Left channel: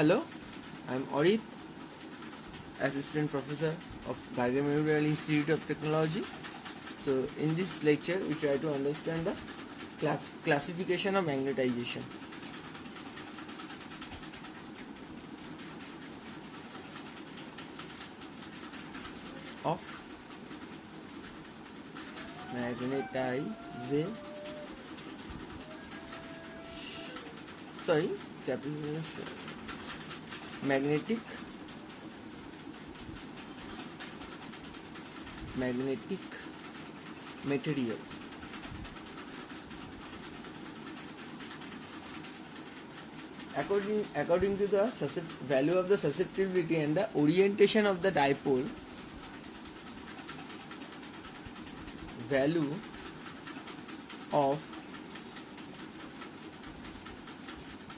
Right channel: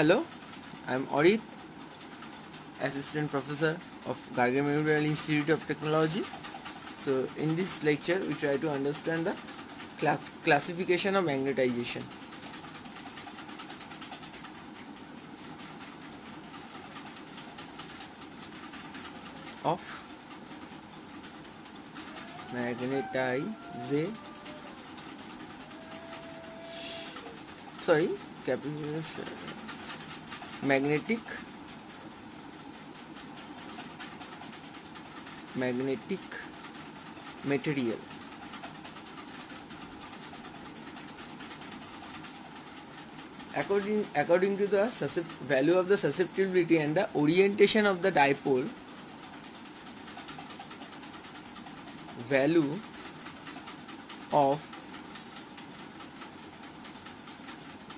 Hello, I'm Orit, Assistant Professor of Gargar Memorial Institute of Technology. So, in this lecture, we try to understand the classification of magnetization. Of magnetic material. According to the value of the susceptibility and the orientation of the dipole, value of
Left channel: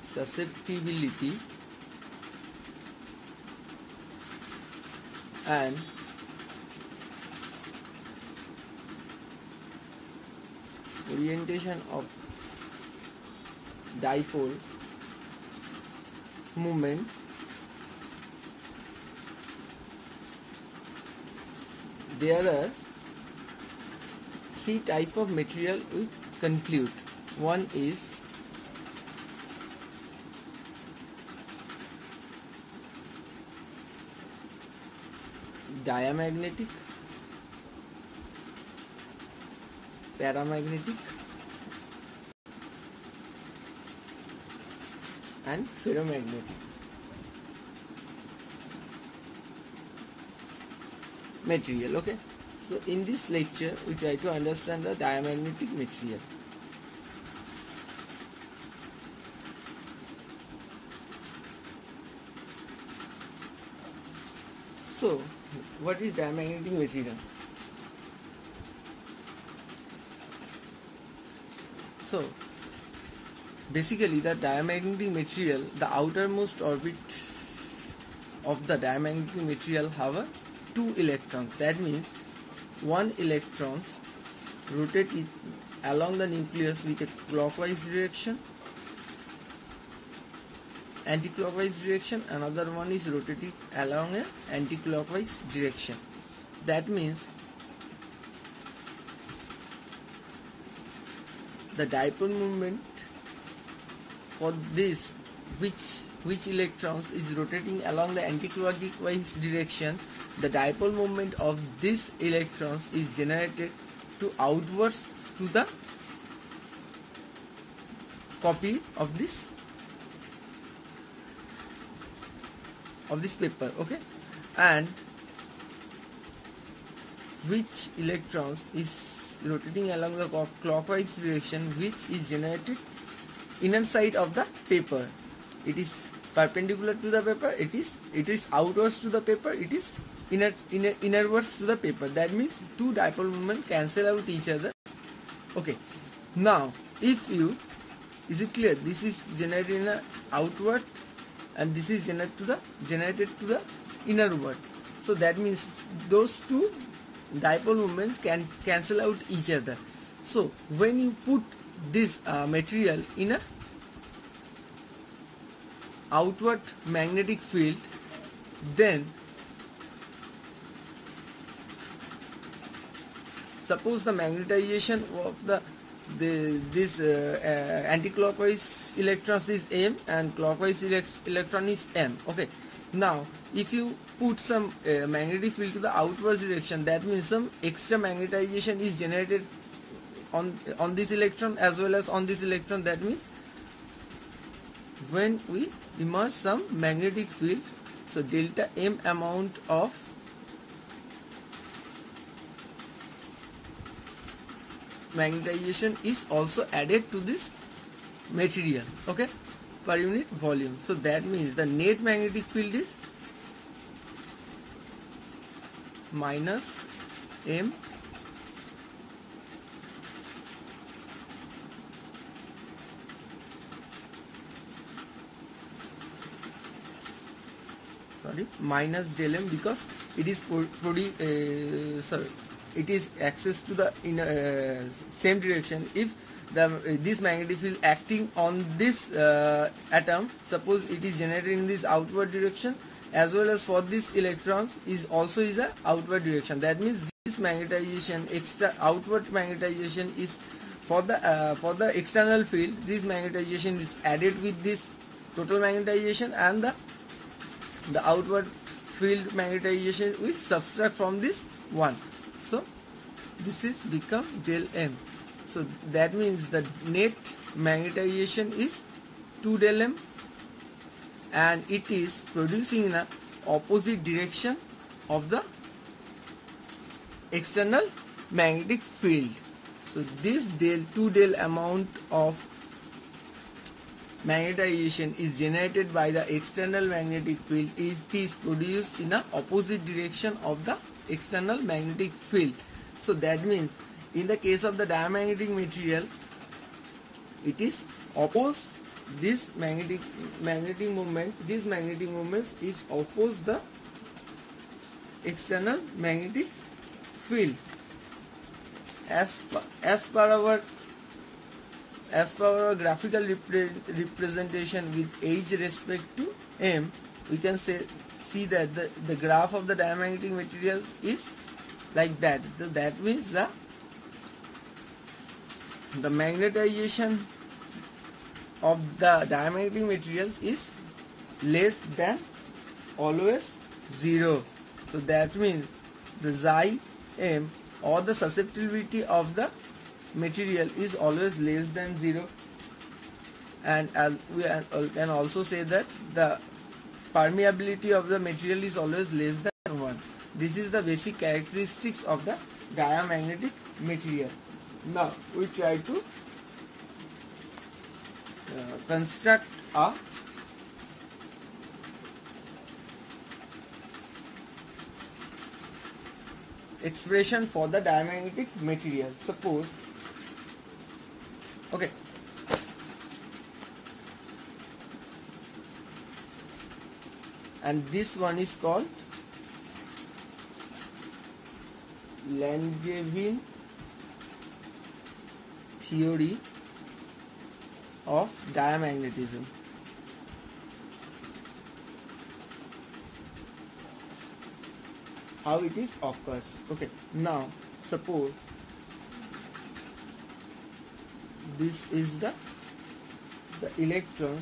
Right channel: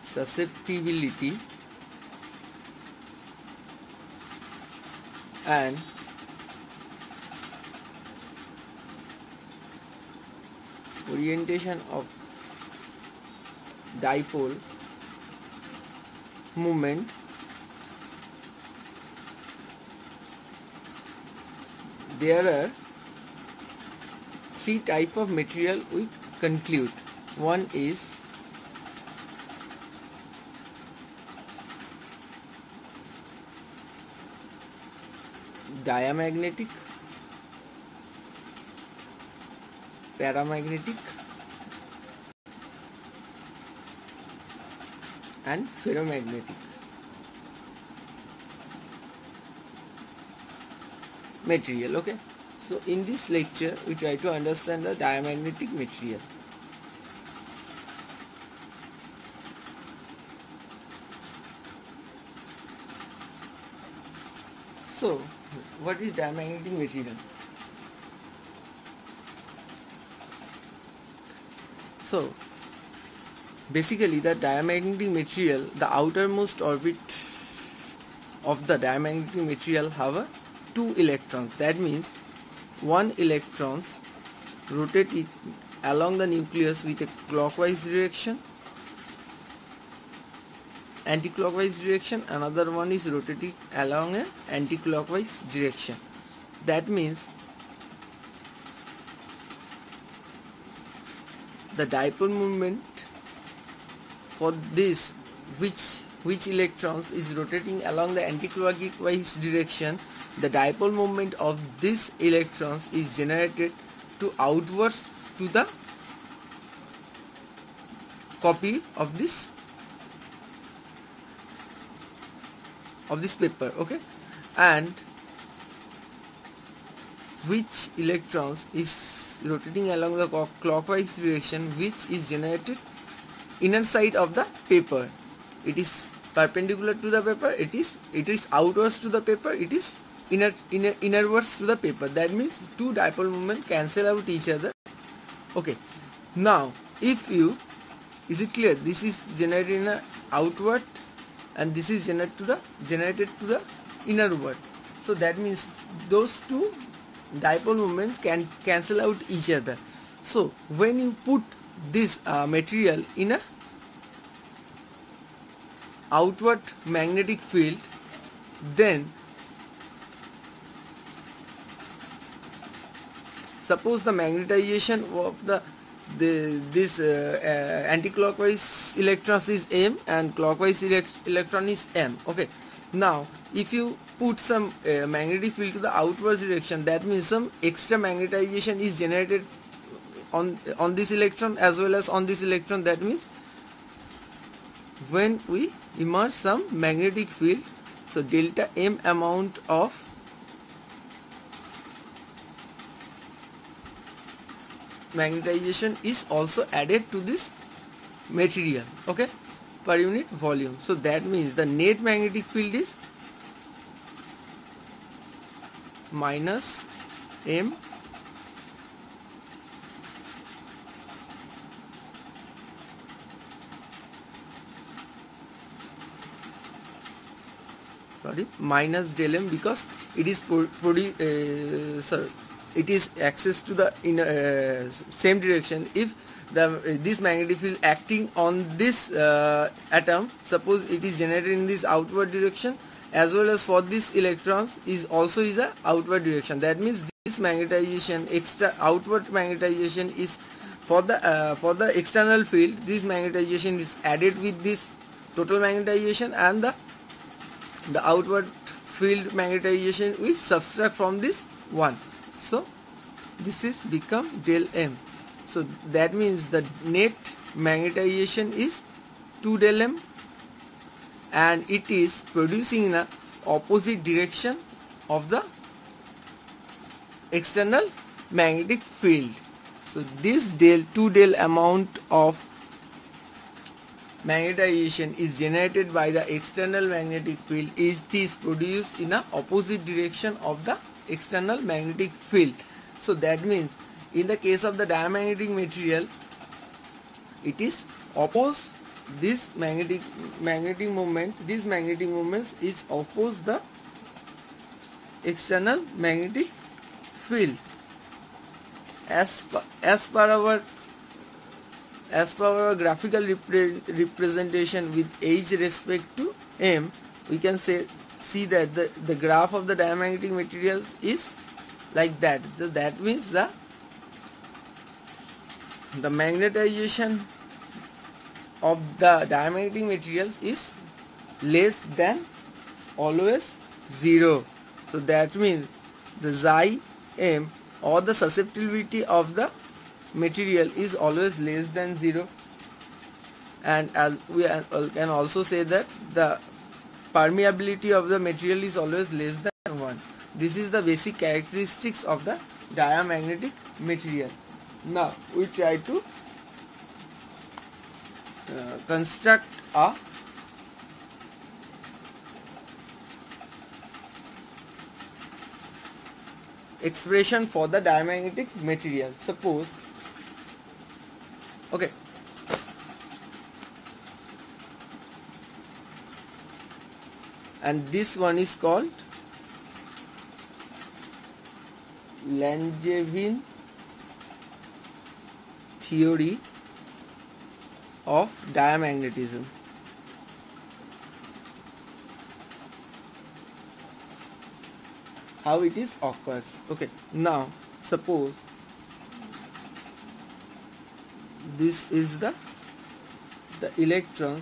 susceptibility and orientation of dipole moment there are three types of material we conclude. One is diamagnetic, paramagnetic and ferromagnetic material. Okay, so in this lecture we try to understand the diamagnetic material. So what is diamagnetic material? So basically the diamagnetic material, the outermost orbit of the diamagnetic material have two electrons. That means one electrons rotate along the nucleus with a clockwise direction, anti-clockwise direction. Another one is rotating along an anti-clockwise direction. That means the dipole moment for this, which electrons is rotating along the anti-clockwise direction, the dipole moment of these electrons is generated to outwards to the copy of this paper. Okay, and which electrons is rotating along the clockwise direction, which is generated inner side of the paper. It is perpendicular to the paper, it is outwards to the paper, it is innerwards to the paper. That means two dipole moment cancel out each other. Okay, now if you, is it clear, this is generated in a outward and this is generated to the innerward. So that means those two dipole moment can cancel out each other. So when you put this material in a outward magnetic field, then suppose the magnetization of this anti-clockwise electrons is M and clockwise electron is M. Okay, now if you put some magnetic field to the outward direction, that means some extra magnetization is generated on this electron as well as on this electron. That means when we immerse some magnetic field, so delta M amount of magnetization is also added to this material, okay, per unit volume. So that means the net magnetic field is minus M minus del M, because it is it is access to the same direction. If this magnetic field acting on this atom, suppose it is generated in this outward direction, as well as for these electrons is also is a outward direction. That means this magnetization, extra outward magnetization is for the external field. This magnetization is added with this total magnetization, and the outward field magnetization is subtract from this one. So this is become del M. So that means the net magnetization is 2 del M, and it is producing in a opposite direction of the external magnetic field. So this 2 del amount of magnetization is generated by the external magnetic field is produced in a opposite direction of the external magnetic field. So that means in the case of the diamagnetic material, it is oppose this magnetic movement. This magnetic movement is oppose the external magnetic field. As per our graphical representation with H respect to M, we can see that the graph of the diamagnetic materials is like that. That means the magnetization of the diamagnetic materials is less than always 0. So that means the Xi M, or the susceptibility of the material, is always less than 0. And we can also say that the permeability of the material is always less than 1. This is the basic characteristics of the diamagnetic material. Now we try to construct a expression for the diamagnetic material. Suppose, okay, and this one is called Langevin theory of diamagnetism. How it is occurs. Okay, now suppose this is the electron,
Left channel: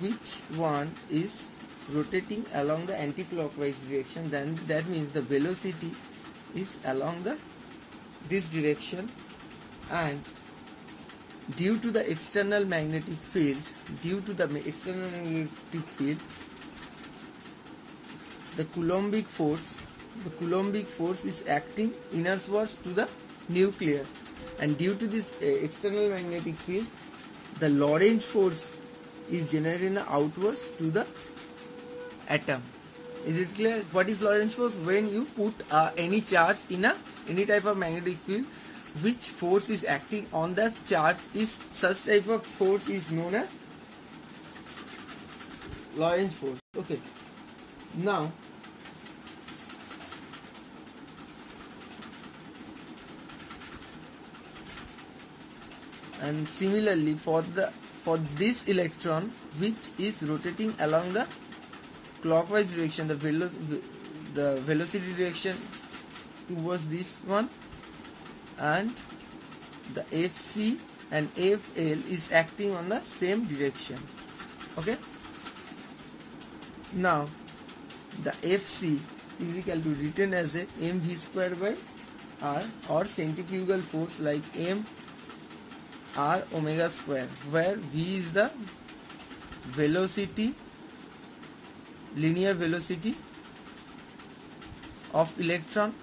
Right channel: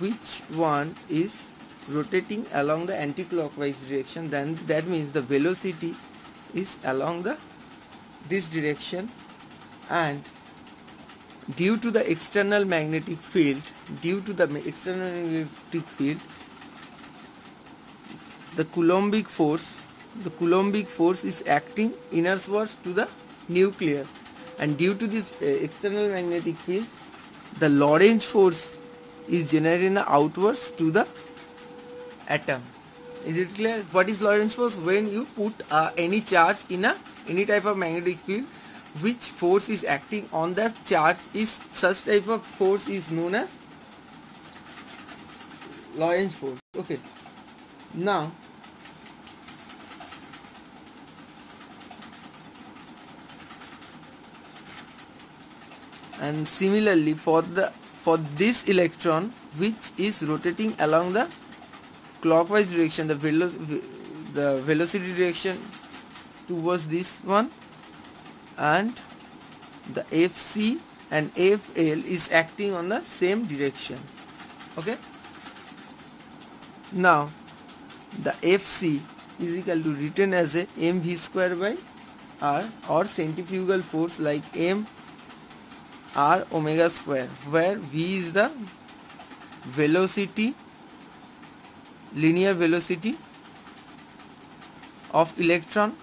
which one is rotating along the anti-clockwise direction, then that means the velocity is along this direction, and due to the external magnetic field, the Coulombic force is acting inwards to the nucleus, and due to this external magnetic field, the Lorentz force is generated outwards to the atom. Is it clear? What is Lorentz force? When you put any charge in any type of magnetic field, which force is acting on the charge, is such type of force is known as Lorentz force. Okay, now and similarly for this electron, which is rotating along the clockwise direction, the velocity direction towards this one, and the Fc and Fl is acting on the same direction. Okay, now the Fc is equal to written as a mv square by r, or centrifugal force like m r omega square, where v is the velocity, linear velocity of electron,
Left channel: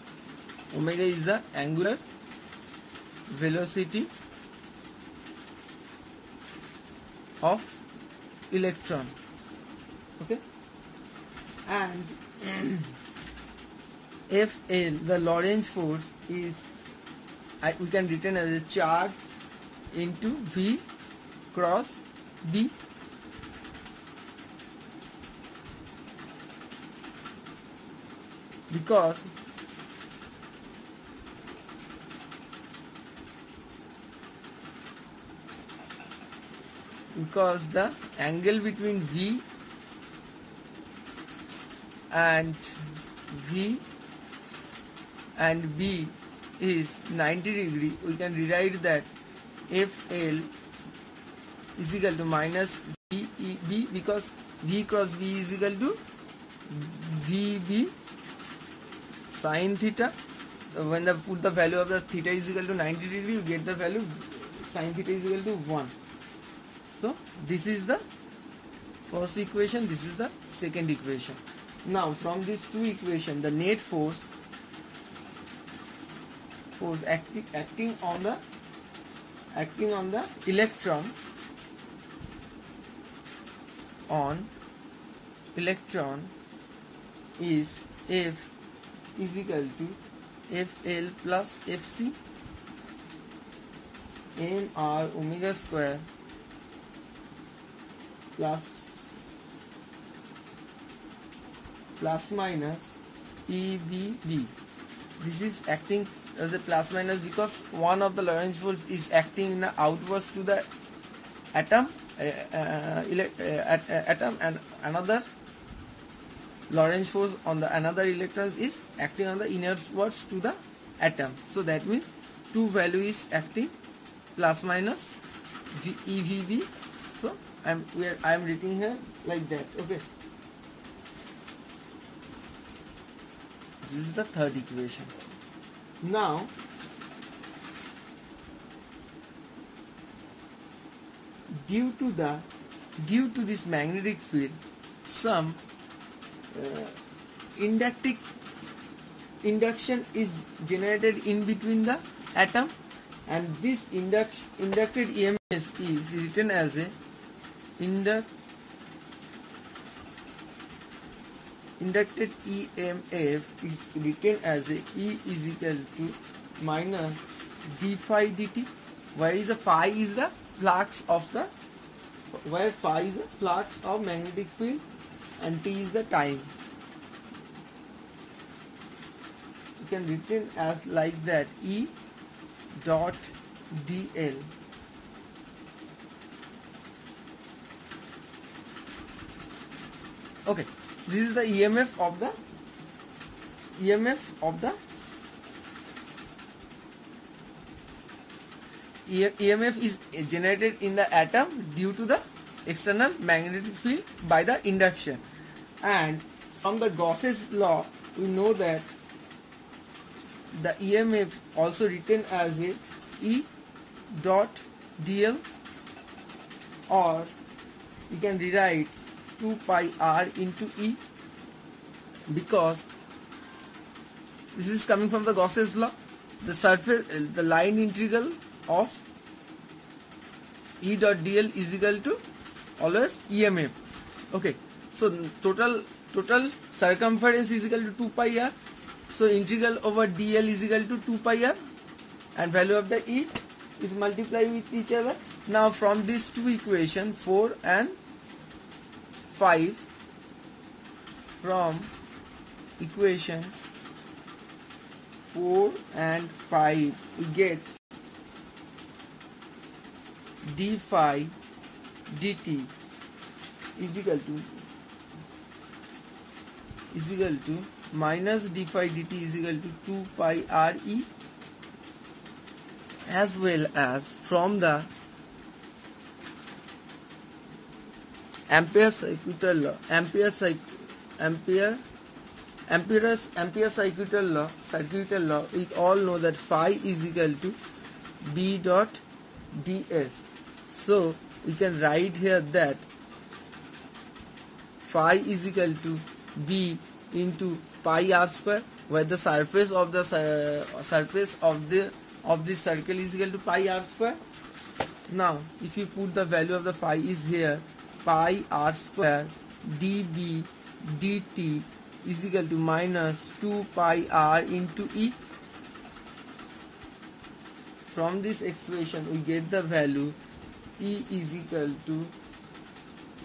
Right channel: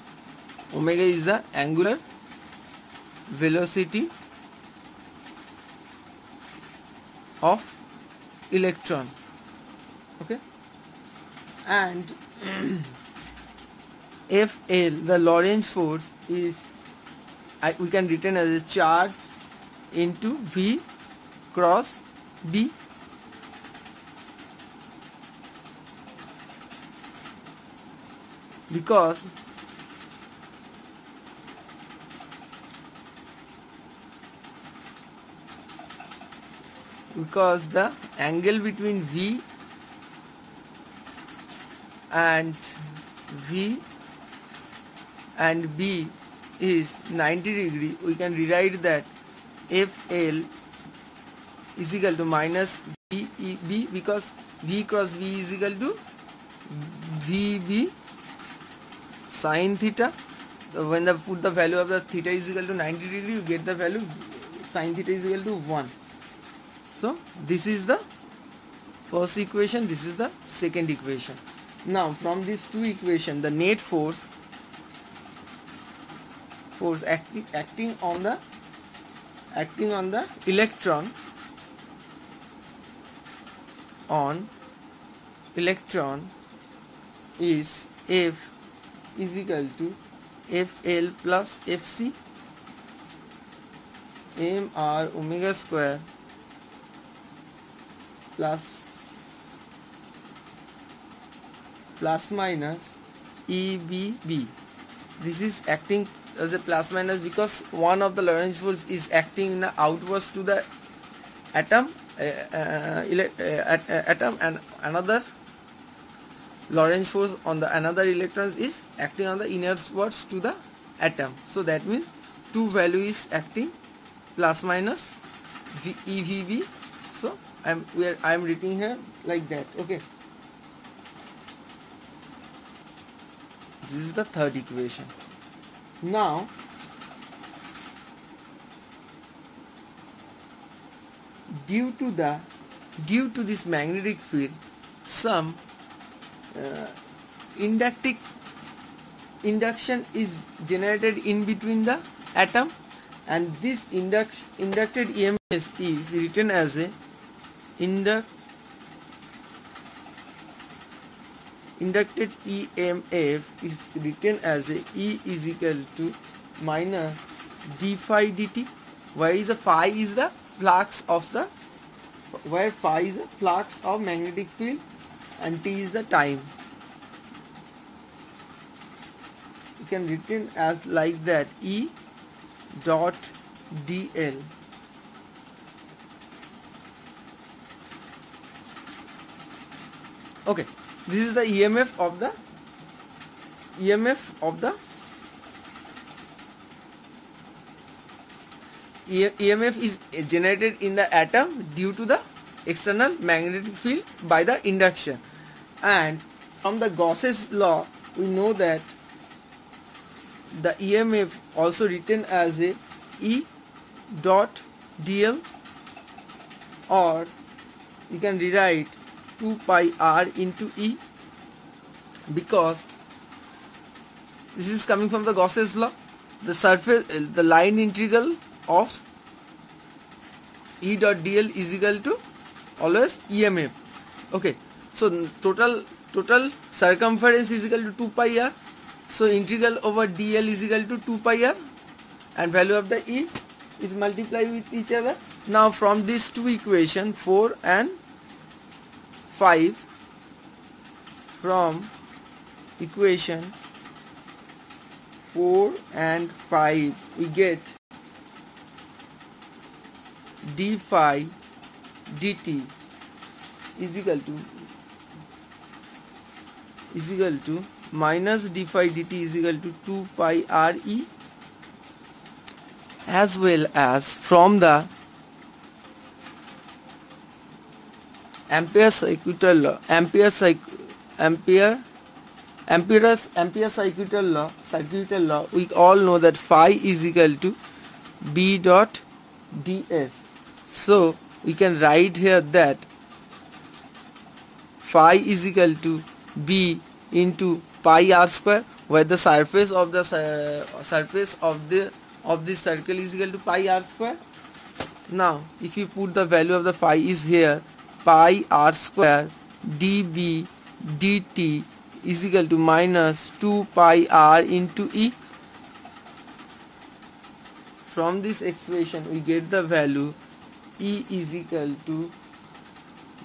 omega is the angular velocity of electron. Okay, and Fl, the Lorentz force, is we can written as a charge into V cross B, because because the angle between V and B is 90 degree, we can rewrite that FL is equal to minus VEB, because V cross V is equal to VB sin theta. So when put the value of the theta is equal to 90 degree, you get the value sin theta is equal to 1. So this is the first equation, this is the second equation. Now from these two equations, the net force acting on the electron is F is equal to FL plus FC mr omega square plus minus EBB. This is acting as a plus minus because one of the Lorentz force is acting outwards to the atom, and another Lorentz force on the another electron is acting on the inwards to the atom. So that means two value is acting plus minus EVB. So I am writing here like that. Okay. This is the third equation. Now due to this magnetic field, some induction is generated in between the atom, and this inducted EMF is written as a inducted EMF is written as a E is equal to minus d phi dt, where is the phi is the flux of the magnetic field and t is the time. You can written as like that, E dot dl. Okay, this is the EMF of the EMF is generated in the atom due to the external magnetic field by the induction. And from the Gauss's law, we know that the EMF also written as a E dot dl, or you can rewrite 2 pi r into E, because this is coming from the Gauss's law. The line integral of E dot dl is equal to always EMF. Okay, so total circumference is equal to 2 pi r. So integral over dl is equal to 2 pi r, and value of the E is multiplied with each other. Now from these two equations 4 and 5, from equation 4 and 5 we get d phi dt is equal to minus d phi dt is equal to 2 pi r e, as well as from the Ampere's circuital law, we all know that phi is equal to b dot ds. So we can write here that phi is equal to b into pi r square, where the surface of the circle is equal to pi r square. Now if you put the value of the phi is here, pi r square dB dt is equal to minus 2 pi r into E. From this expression we get the value E is equal to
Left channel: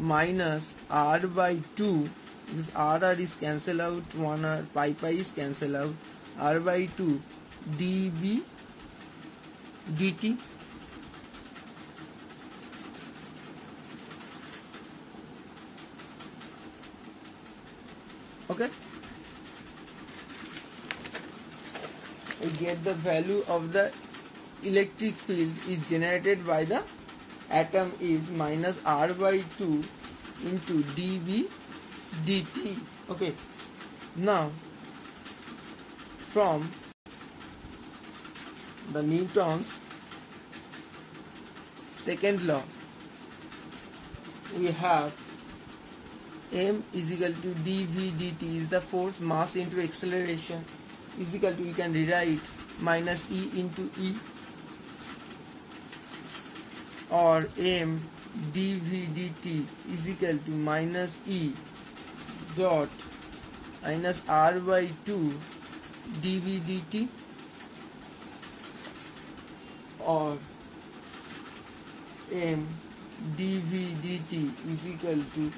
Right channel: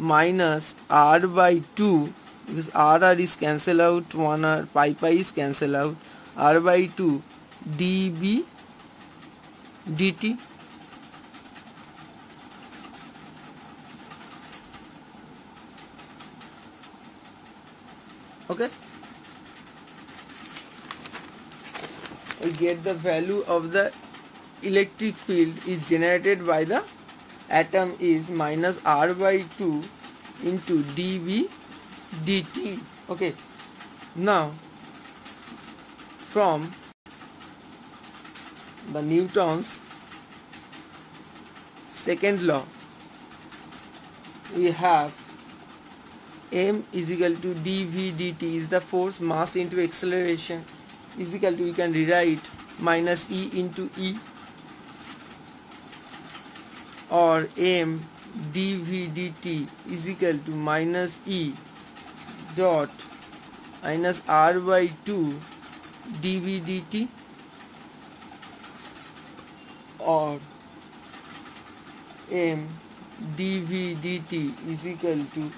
minus r by 2, because r is cancel out, 1 r pi is cancel out, r by 2 dB dt. Okay, we get the value of the electric field is generated by the atom is minus R by 2 into dV dt. Okay, now from the Newton's second law, we have m is equal to dV dt is the force, mass into acceleration, is equal to, we can rewrite minus E into E, or m dV dt is equal to minus E dot minus R by 2 dV dt, or m dV dt is equal to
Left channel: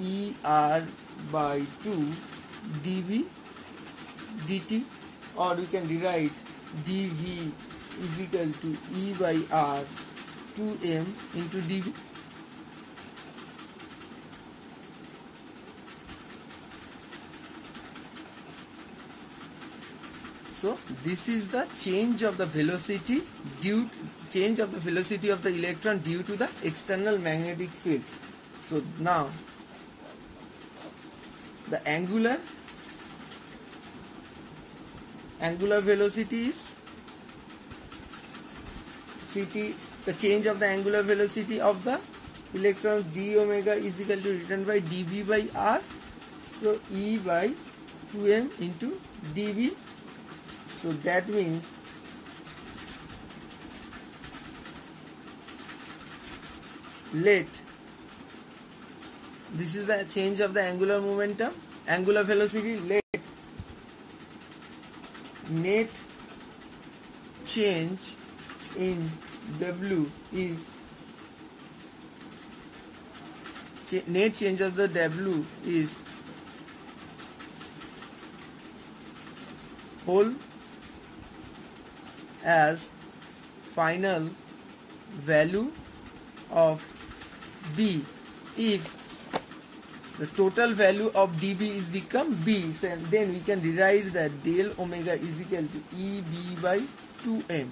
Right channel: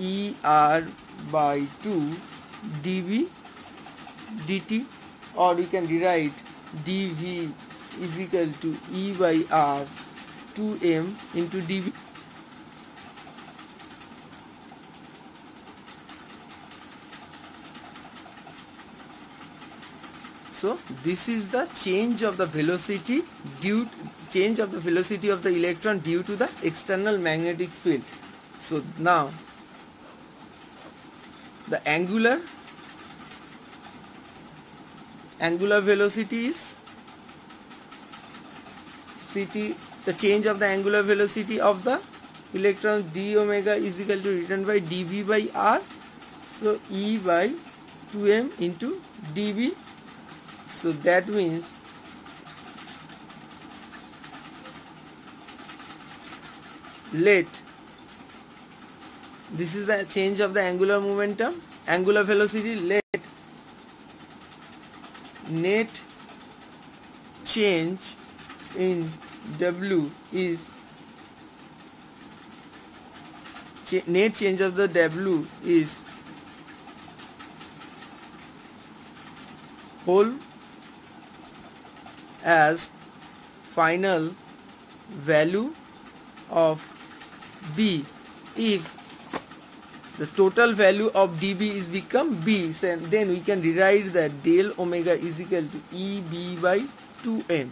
ER by 2 dV dt, or we can rewrite dV is equal to E by R 2m into dV. So this is the change of the velocity of the electron due to the external magnetic field. So now the angular velocity is the change of the angular velocity of the electron d omega is equal to written by dV by R, so E by 2m into dV. So that means this is the change of the angular velocity. Let net change in W is net change of the W is whole as final value of B if the total value of dB is become B, then we can derive that del omega is equal to EB by 2m.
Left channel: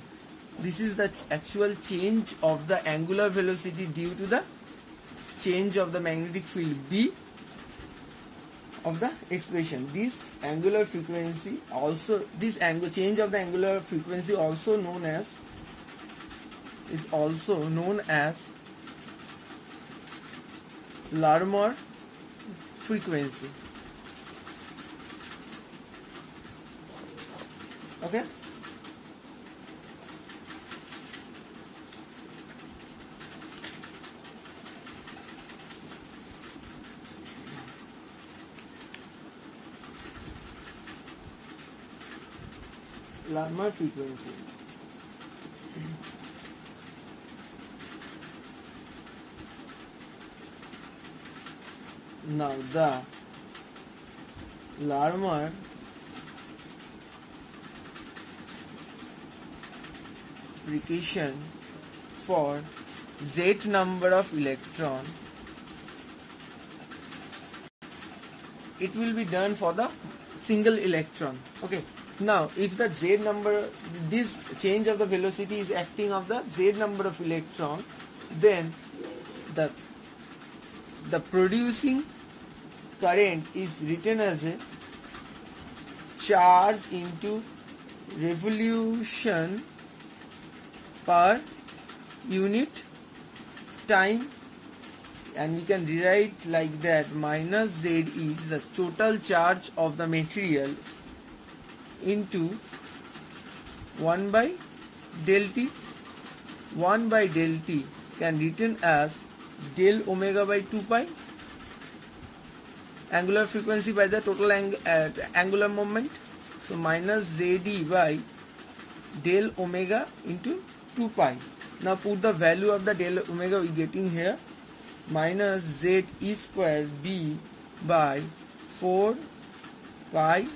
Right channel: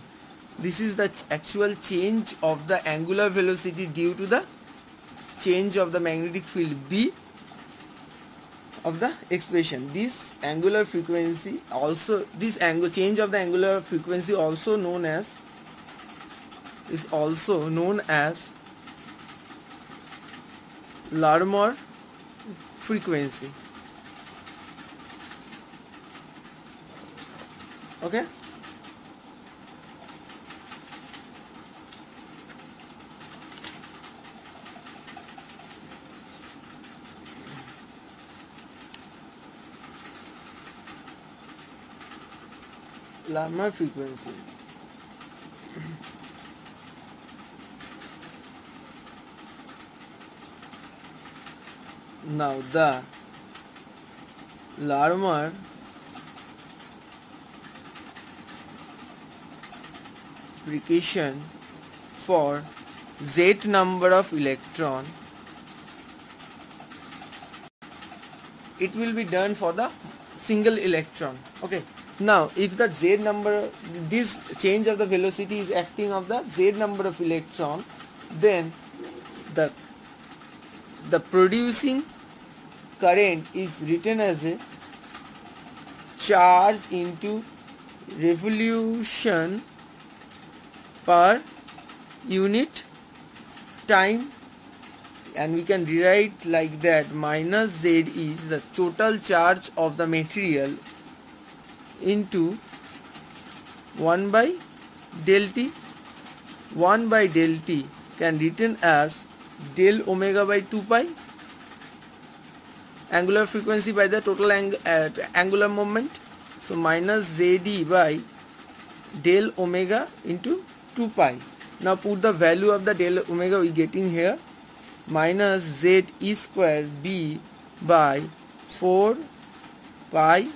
This is the actual change of the angular velocity due to the change of the magnetic field B of the expression. This angular frequency also, change of the angular frequency is also known as Larmor frequency. Okay, Larmor frequency. Now the Larmor application for Z number of electron, it will be done for the single electron. Okay, now if the Z number, this change of the velocity is acting of the Z number of electron, then the producing current is written as a charge into revolution per unit time, and we can rewrite like that: minus Z is the total charge of the material into 1 by del T. 1 by del T can written as del omega by 2 pi, angular frequency by the total angular moment. So minus ZD by del omega into 2 pi. Now put the value of the del omega we getting here, minus Z E square B by 4 pi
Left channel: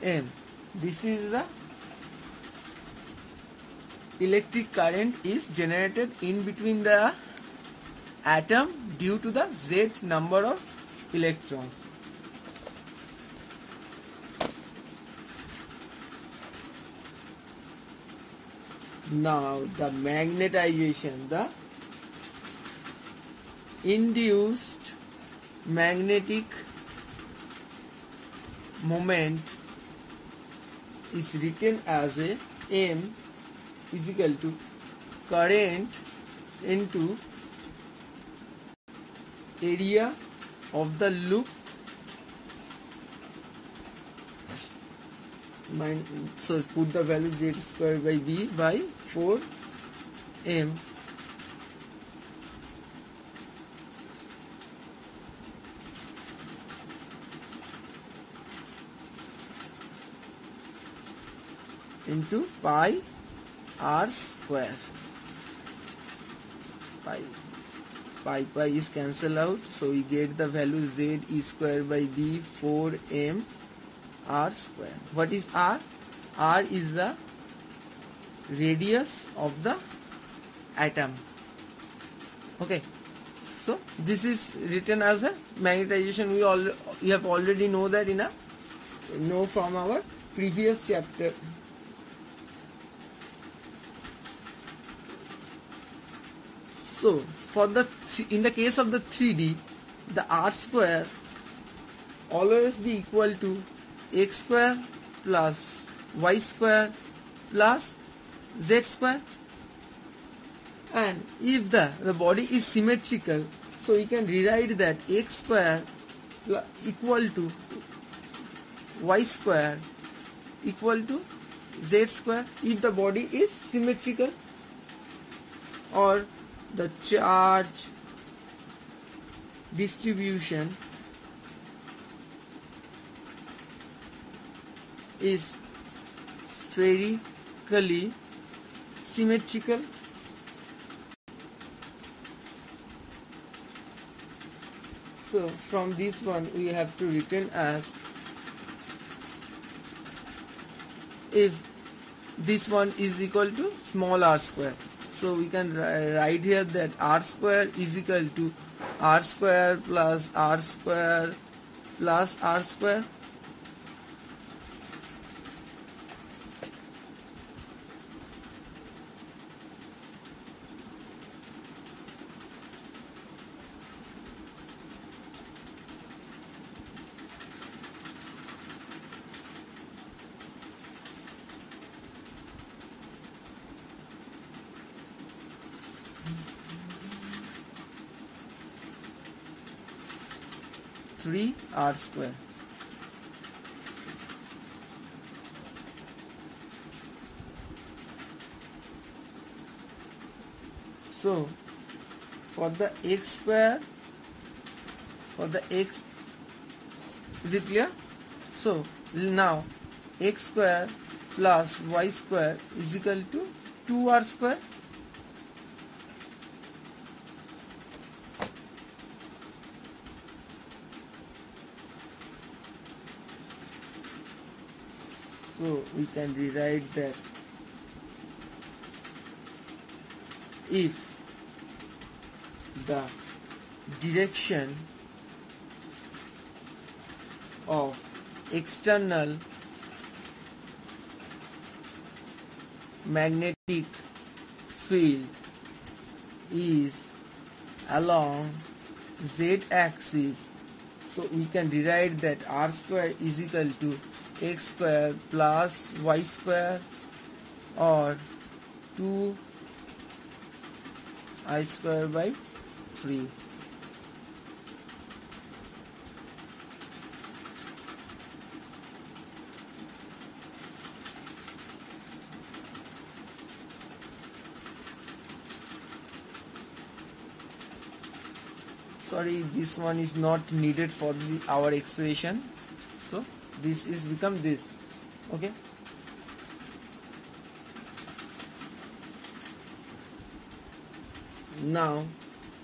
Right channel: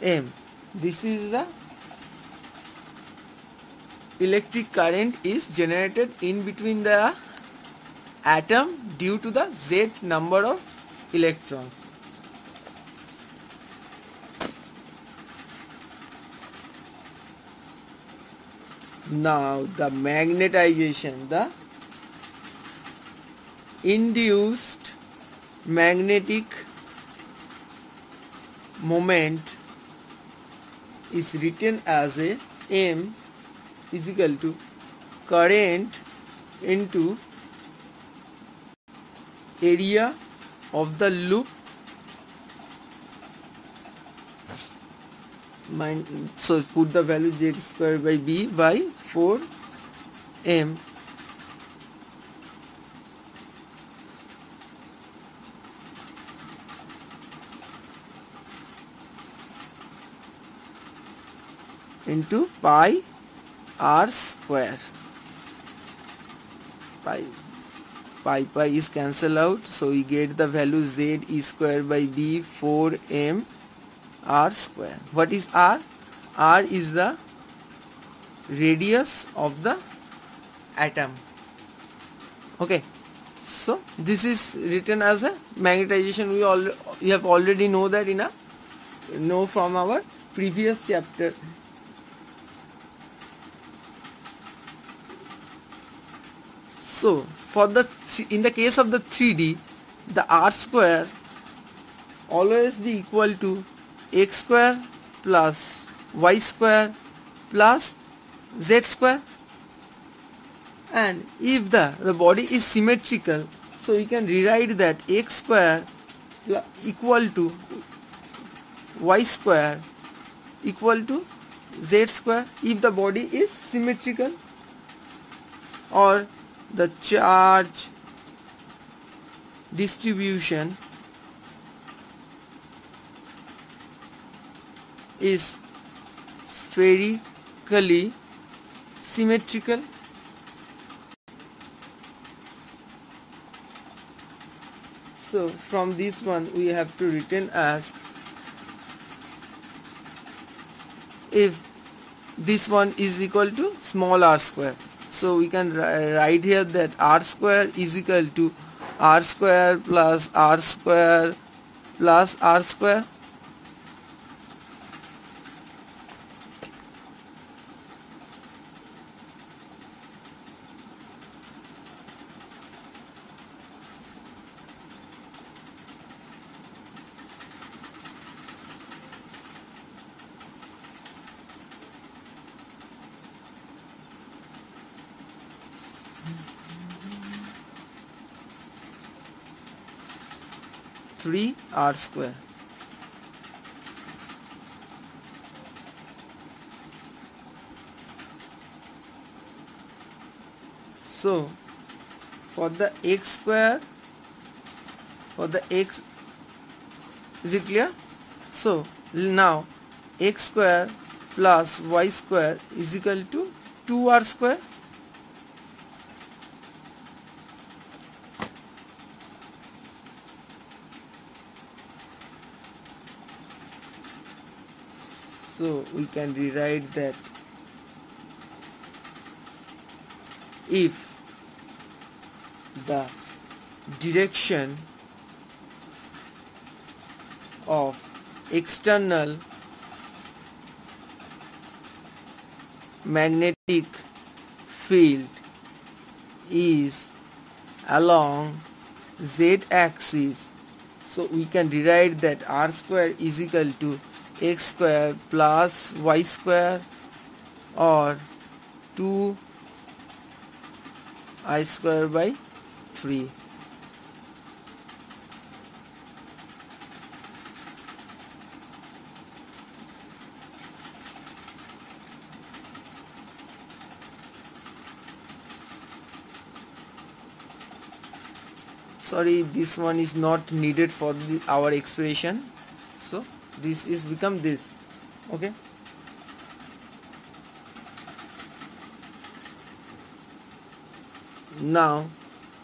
m. This is the electric current is generated in between the atom due to the Z number of electrons. Now the magnetization, the induced magnetic moment is written as a M is equal to current into area of the loop. So put the value Z square by B by 4M. Into pi r square. Pi is cancelled out, so we get the value Z e square by B 4M r square. What is r? R is the radius of the atom. Okay, so this is written as a magnetization. We have already know that know from our previous chapter. So in the case of the 3D, the r square always be equal to x square plus y square plus z square. And if the body is symmetrical, so we can rewrite that x square equal to y square equal to z square if the body is symmetrical, or the charge distribution is spherically symmetrical. So from this one we have to written as, if this one is equal to small r square, so we can write here that r square is equal to r square plus r square plus r square. Three r square. So for the x square, is it clear? So now x square plus y square is equal to 2r square. So we can rewrite that if the direction of external magnetic field is along z axis, so we can rewrite that r square is equal to x square plus y square, or 2i square by 3. Sorry, this one is not needed for our expression, so this is become this. Okay, now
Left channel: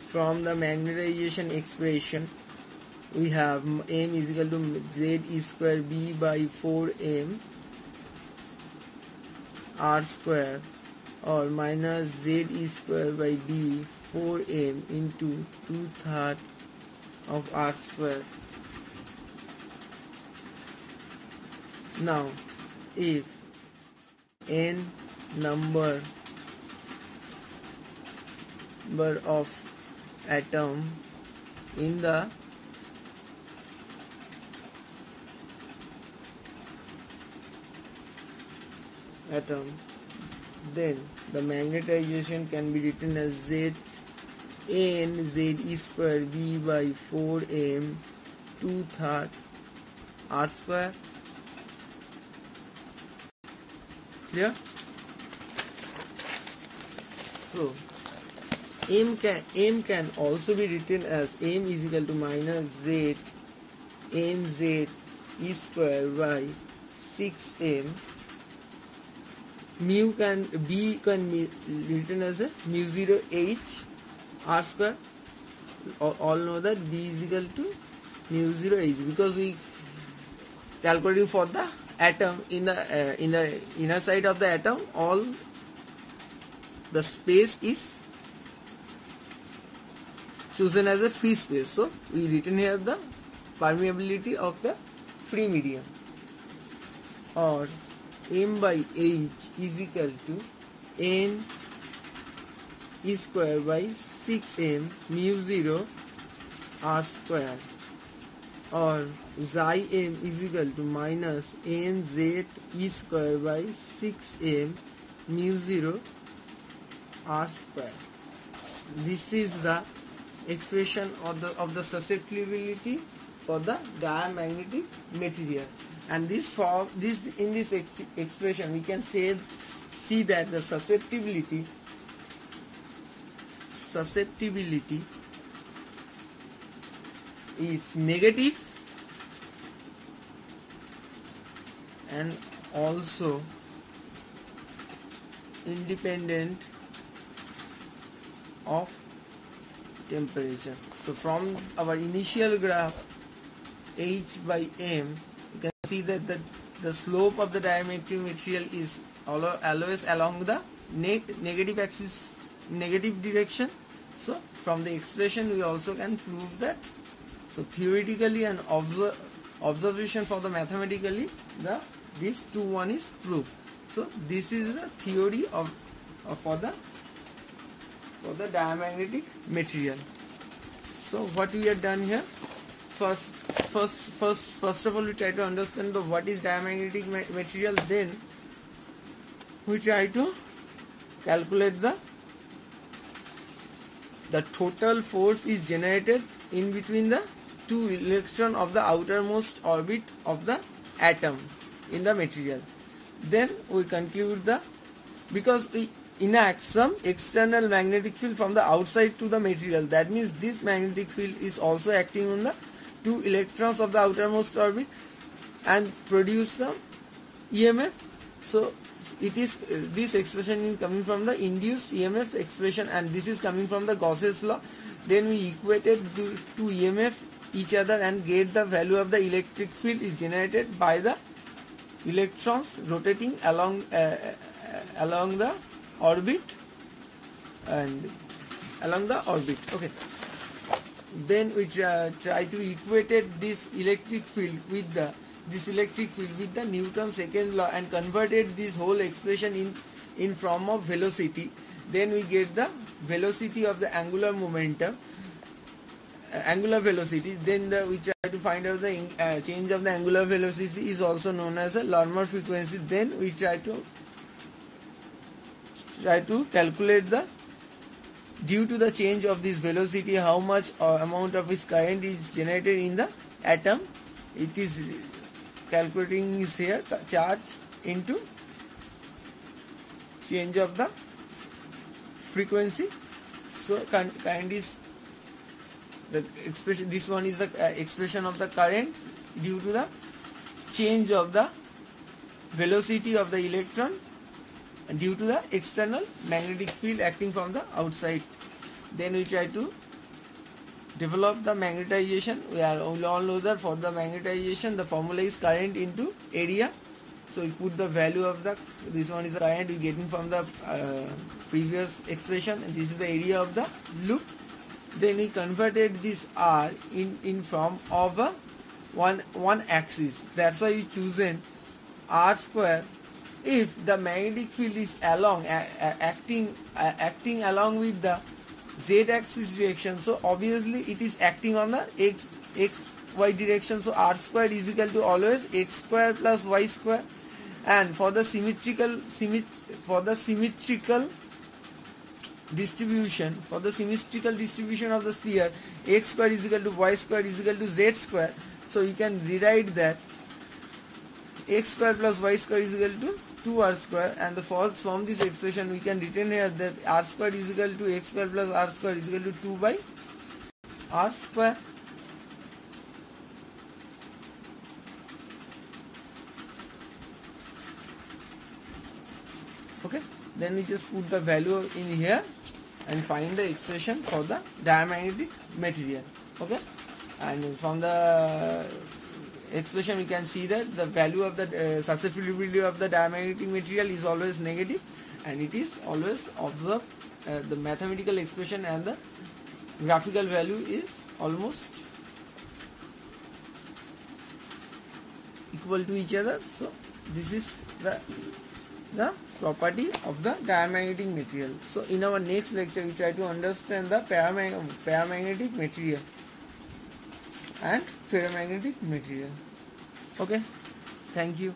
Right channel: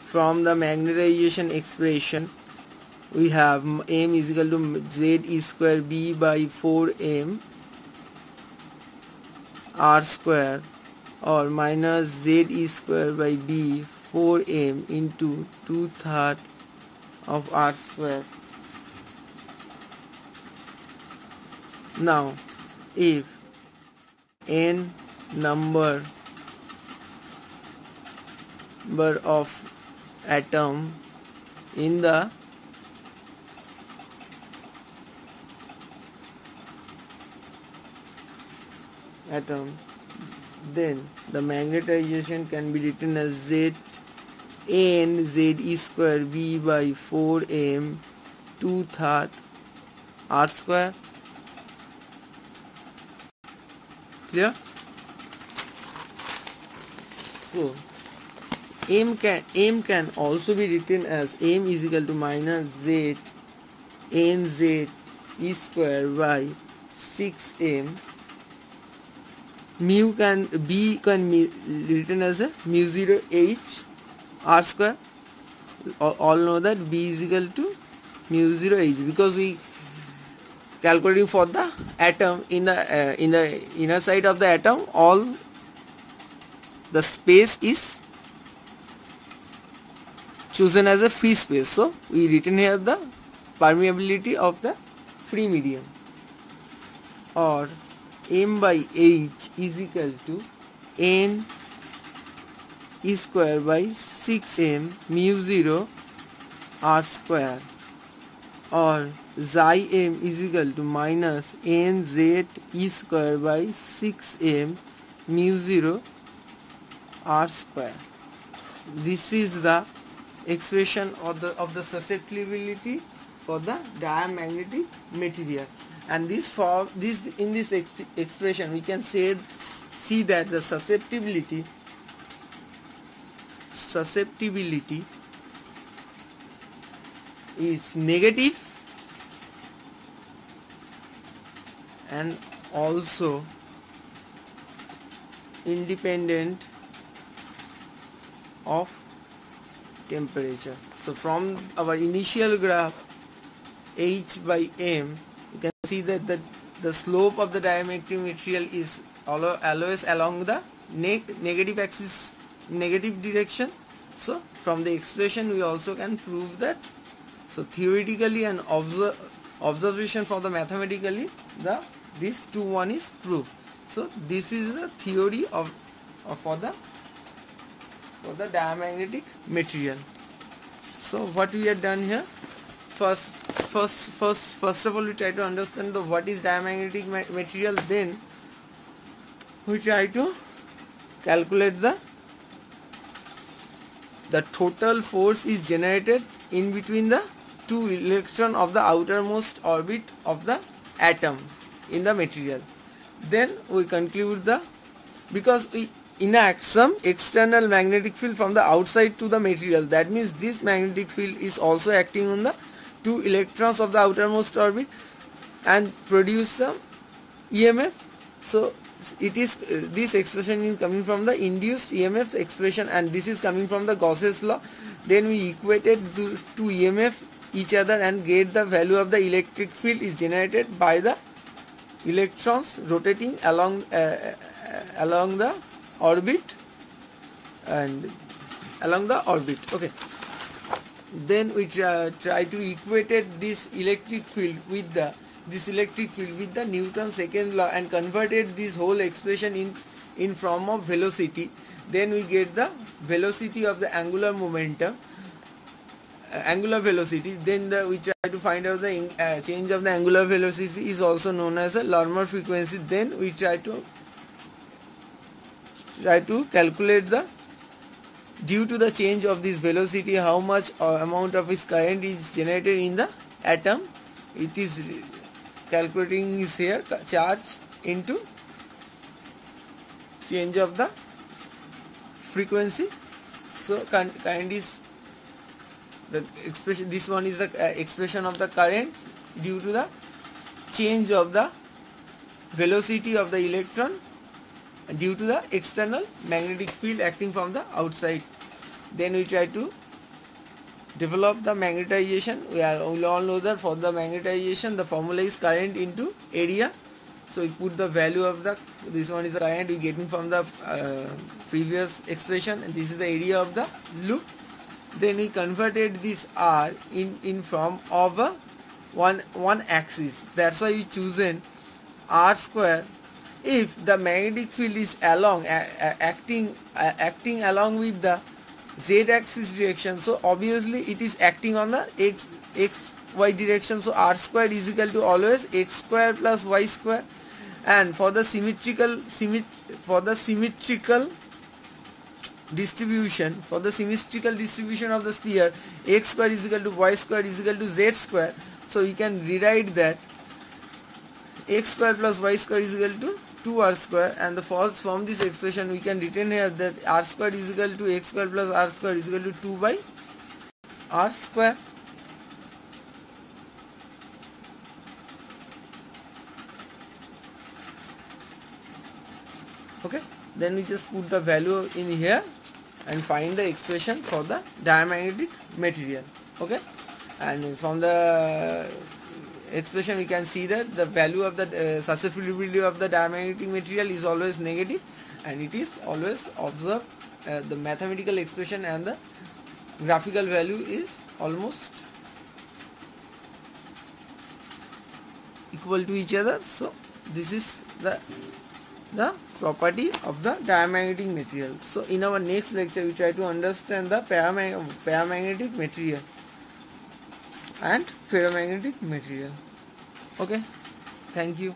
from the magnetization expression we have m is equal to z e square b by 4m r square, or minus z e square by b 4m into 2/3 of r square. Now if n number number of atom in the atom, then the magnetization can be written as Z n Z square b by 4m 2/3 r square. Clear? So m can also be written as m is equal to minus Z n Z e square by 6m. Mu can be written as a mu 0 h r square. All know that b is equal to mu 0 h, because we calculating for the atom in the inner side of the atom, all the space is chosen as a free space, so we written here the permeability of the free medium, or m by h is equal to n e square by 6m mu 0 r square, or xi m is equal to minus n z e square by 6m mu 0 r square. This is the expression of the susceptibility for the diamagnetic material, and in this expression we can see that the susceptibility is negative and also independent of temperature. So from our initial graph h by m, you can see that the slope of the diamagnetic material is always along the negative axis, negative direction. So from the expression we also can prove that. So theoretically and observation for the mathematically, this 2-1 is proved. So this is the theory for the diamagnetic material. So what we have done here, first of all we try to understand what is diamagnetic material, then we try to calculate the total force is generated in between the two electrons of the outermost orbit of the atom in the material. Then we conclude because we enact some external magnetic field from the outside to the material, that means this magnetic field is also acting on the two electrons of the outermost orbit and produce some EMF. So it is this expression is coming from the induced EMF expression, and this is coming from the Gauss's law. Then we equated the two EMF each other and get the value of the electric field is generated by the electrons rotating along the orbit and along the orbit. Okay. Then we try to equate this electric field with the Newton's second law and converted this whole expression in form of velocity. Then we get the velocity of the angular momentum, angular velocity. Then we try to find out the change of the angular velocity is also known as a Larmor frequency. Then we try to calculate due to the change of this velocity how much amount of its current is generated in the atom. It is calculating is here charge into change of the frequency. So kind is the expression, this one is the expression of the current due to the change of the velocity of the electron due to the external magnetic field acting from the outside. Then we try to develop the magnetization. We all know that for the magnetization the formula is current into area. So we put the value of this one is the current we getting from the previous expression, and this is the area of the loop. Then we converted this R in form of a one axis. That's why we chosen R square. If the magnetic field is acting along with the z-axis direction, so obviously it is acting on the xy direction, so r square is equal to always x square plus y square. And for the symmetrical distribution of the sphere, x square is equal to y square is equal to z square. So you can rewrite that x square plus y square is equal to 2r square, and from this expression we can retain here that r square is equal to x square plus r square is equal to 2 by r square. Okay, then we just put the value in here and find the expression for the diamagnetic material. Okay, and from the expression we can see that the value of the susceptibility of the diamagnetic material is always negative, and it is always observed the mathematical expression and the graphical value is almost equal to each other. So this is the property of the diamagnetic material. So in our next lecture we try to understand the paramagnetic material and ferromagnetic material. Okay, thank you.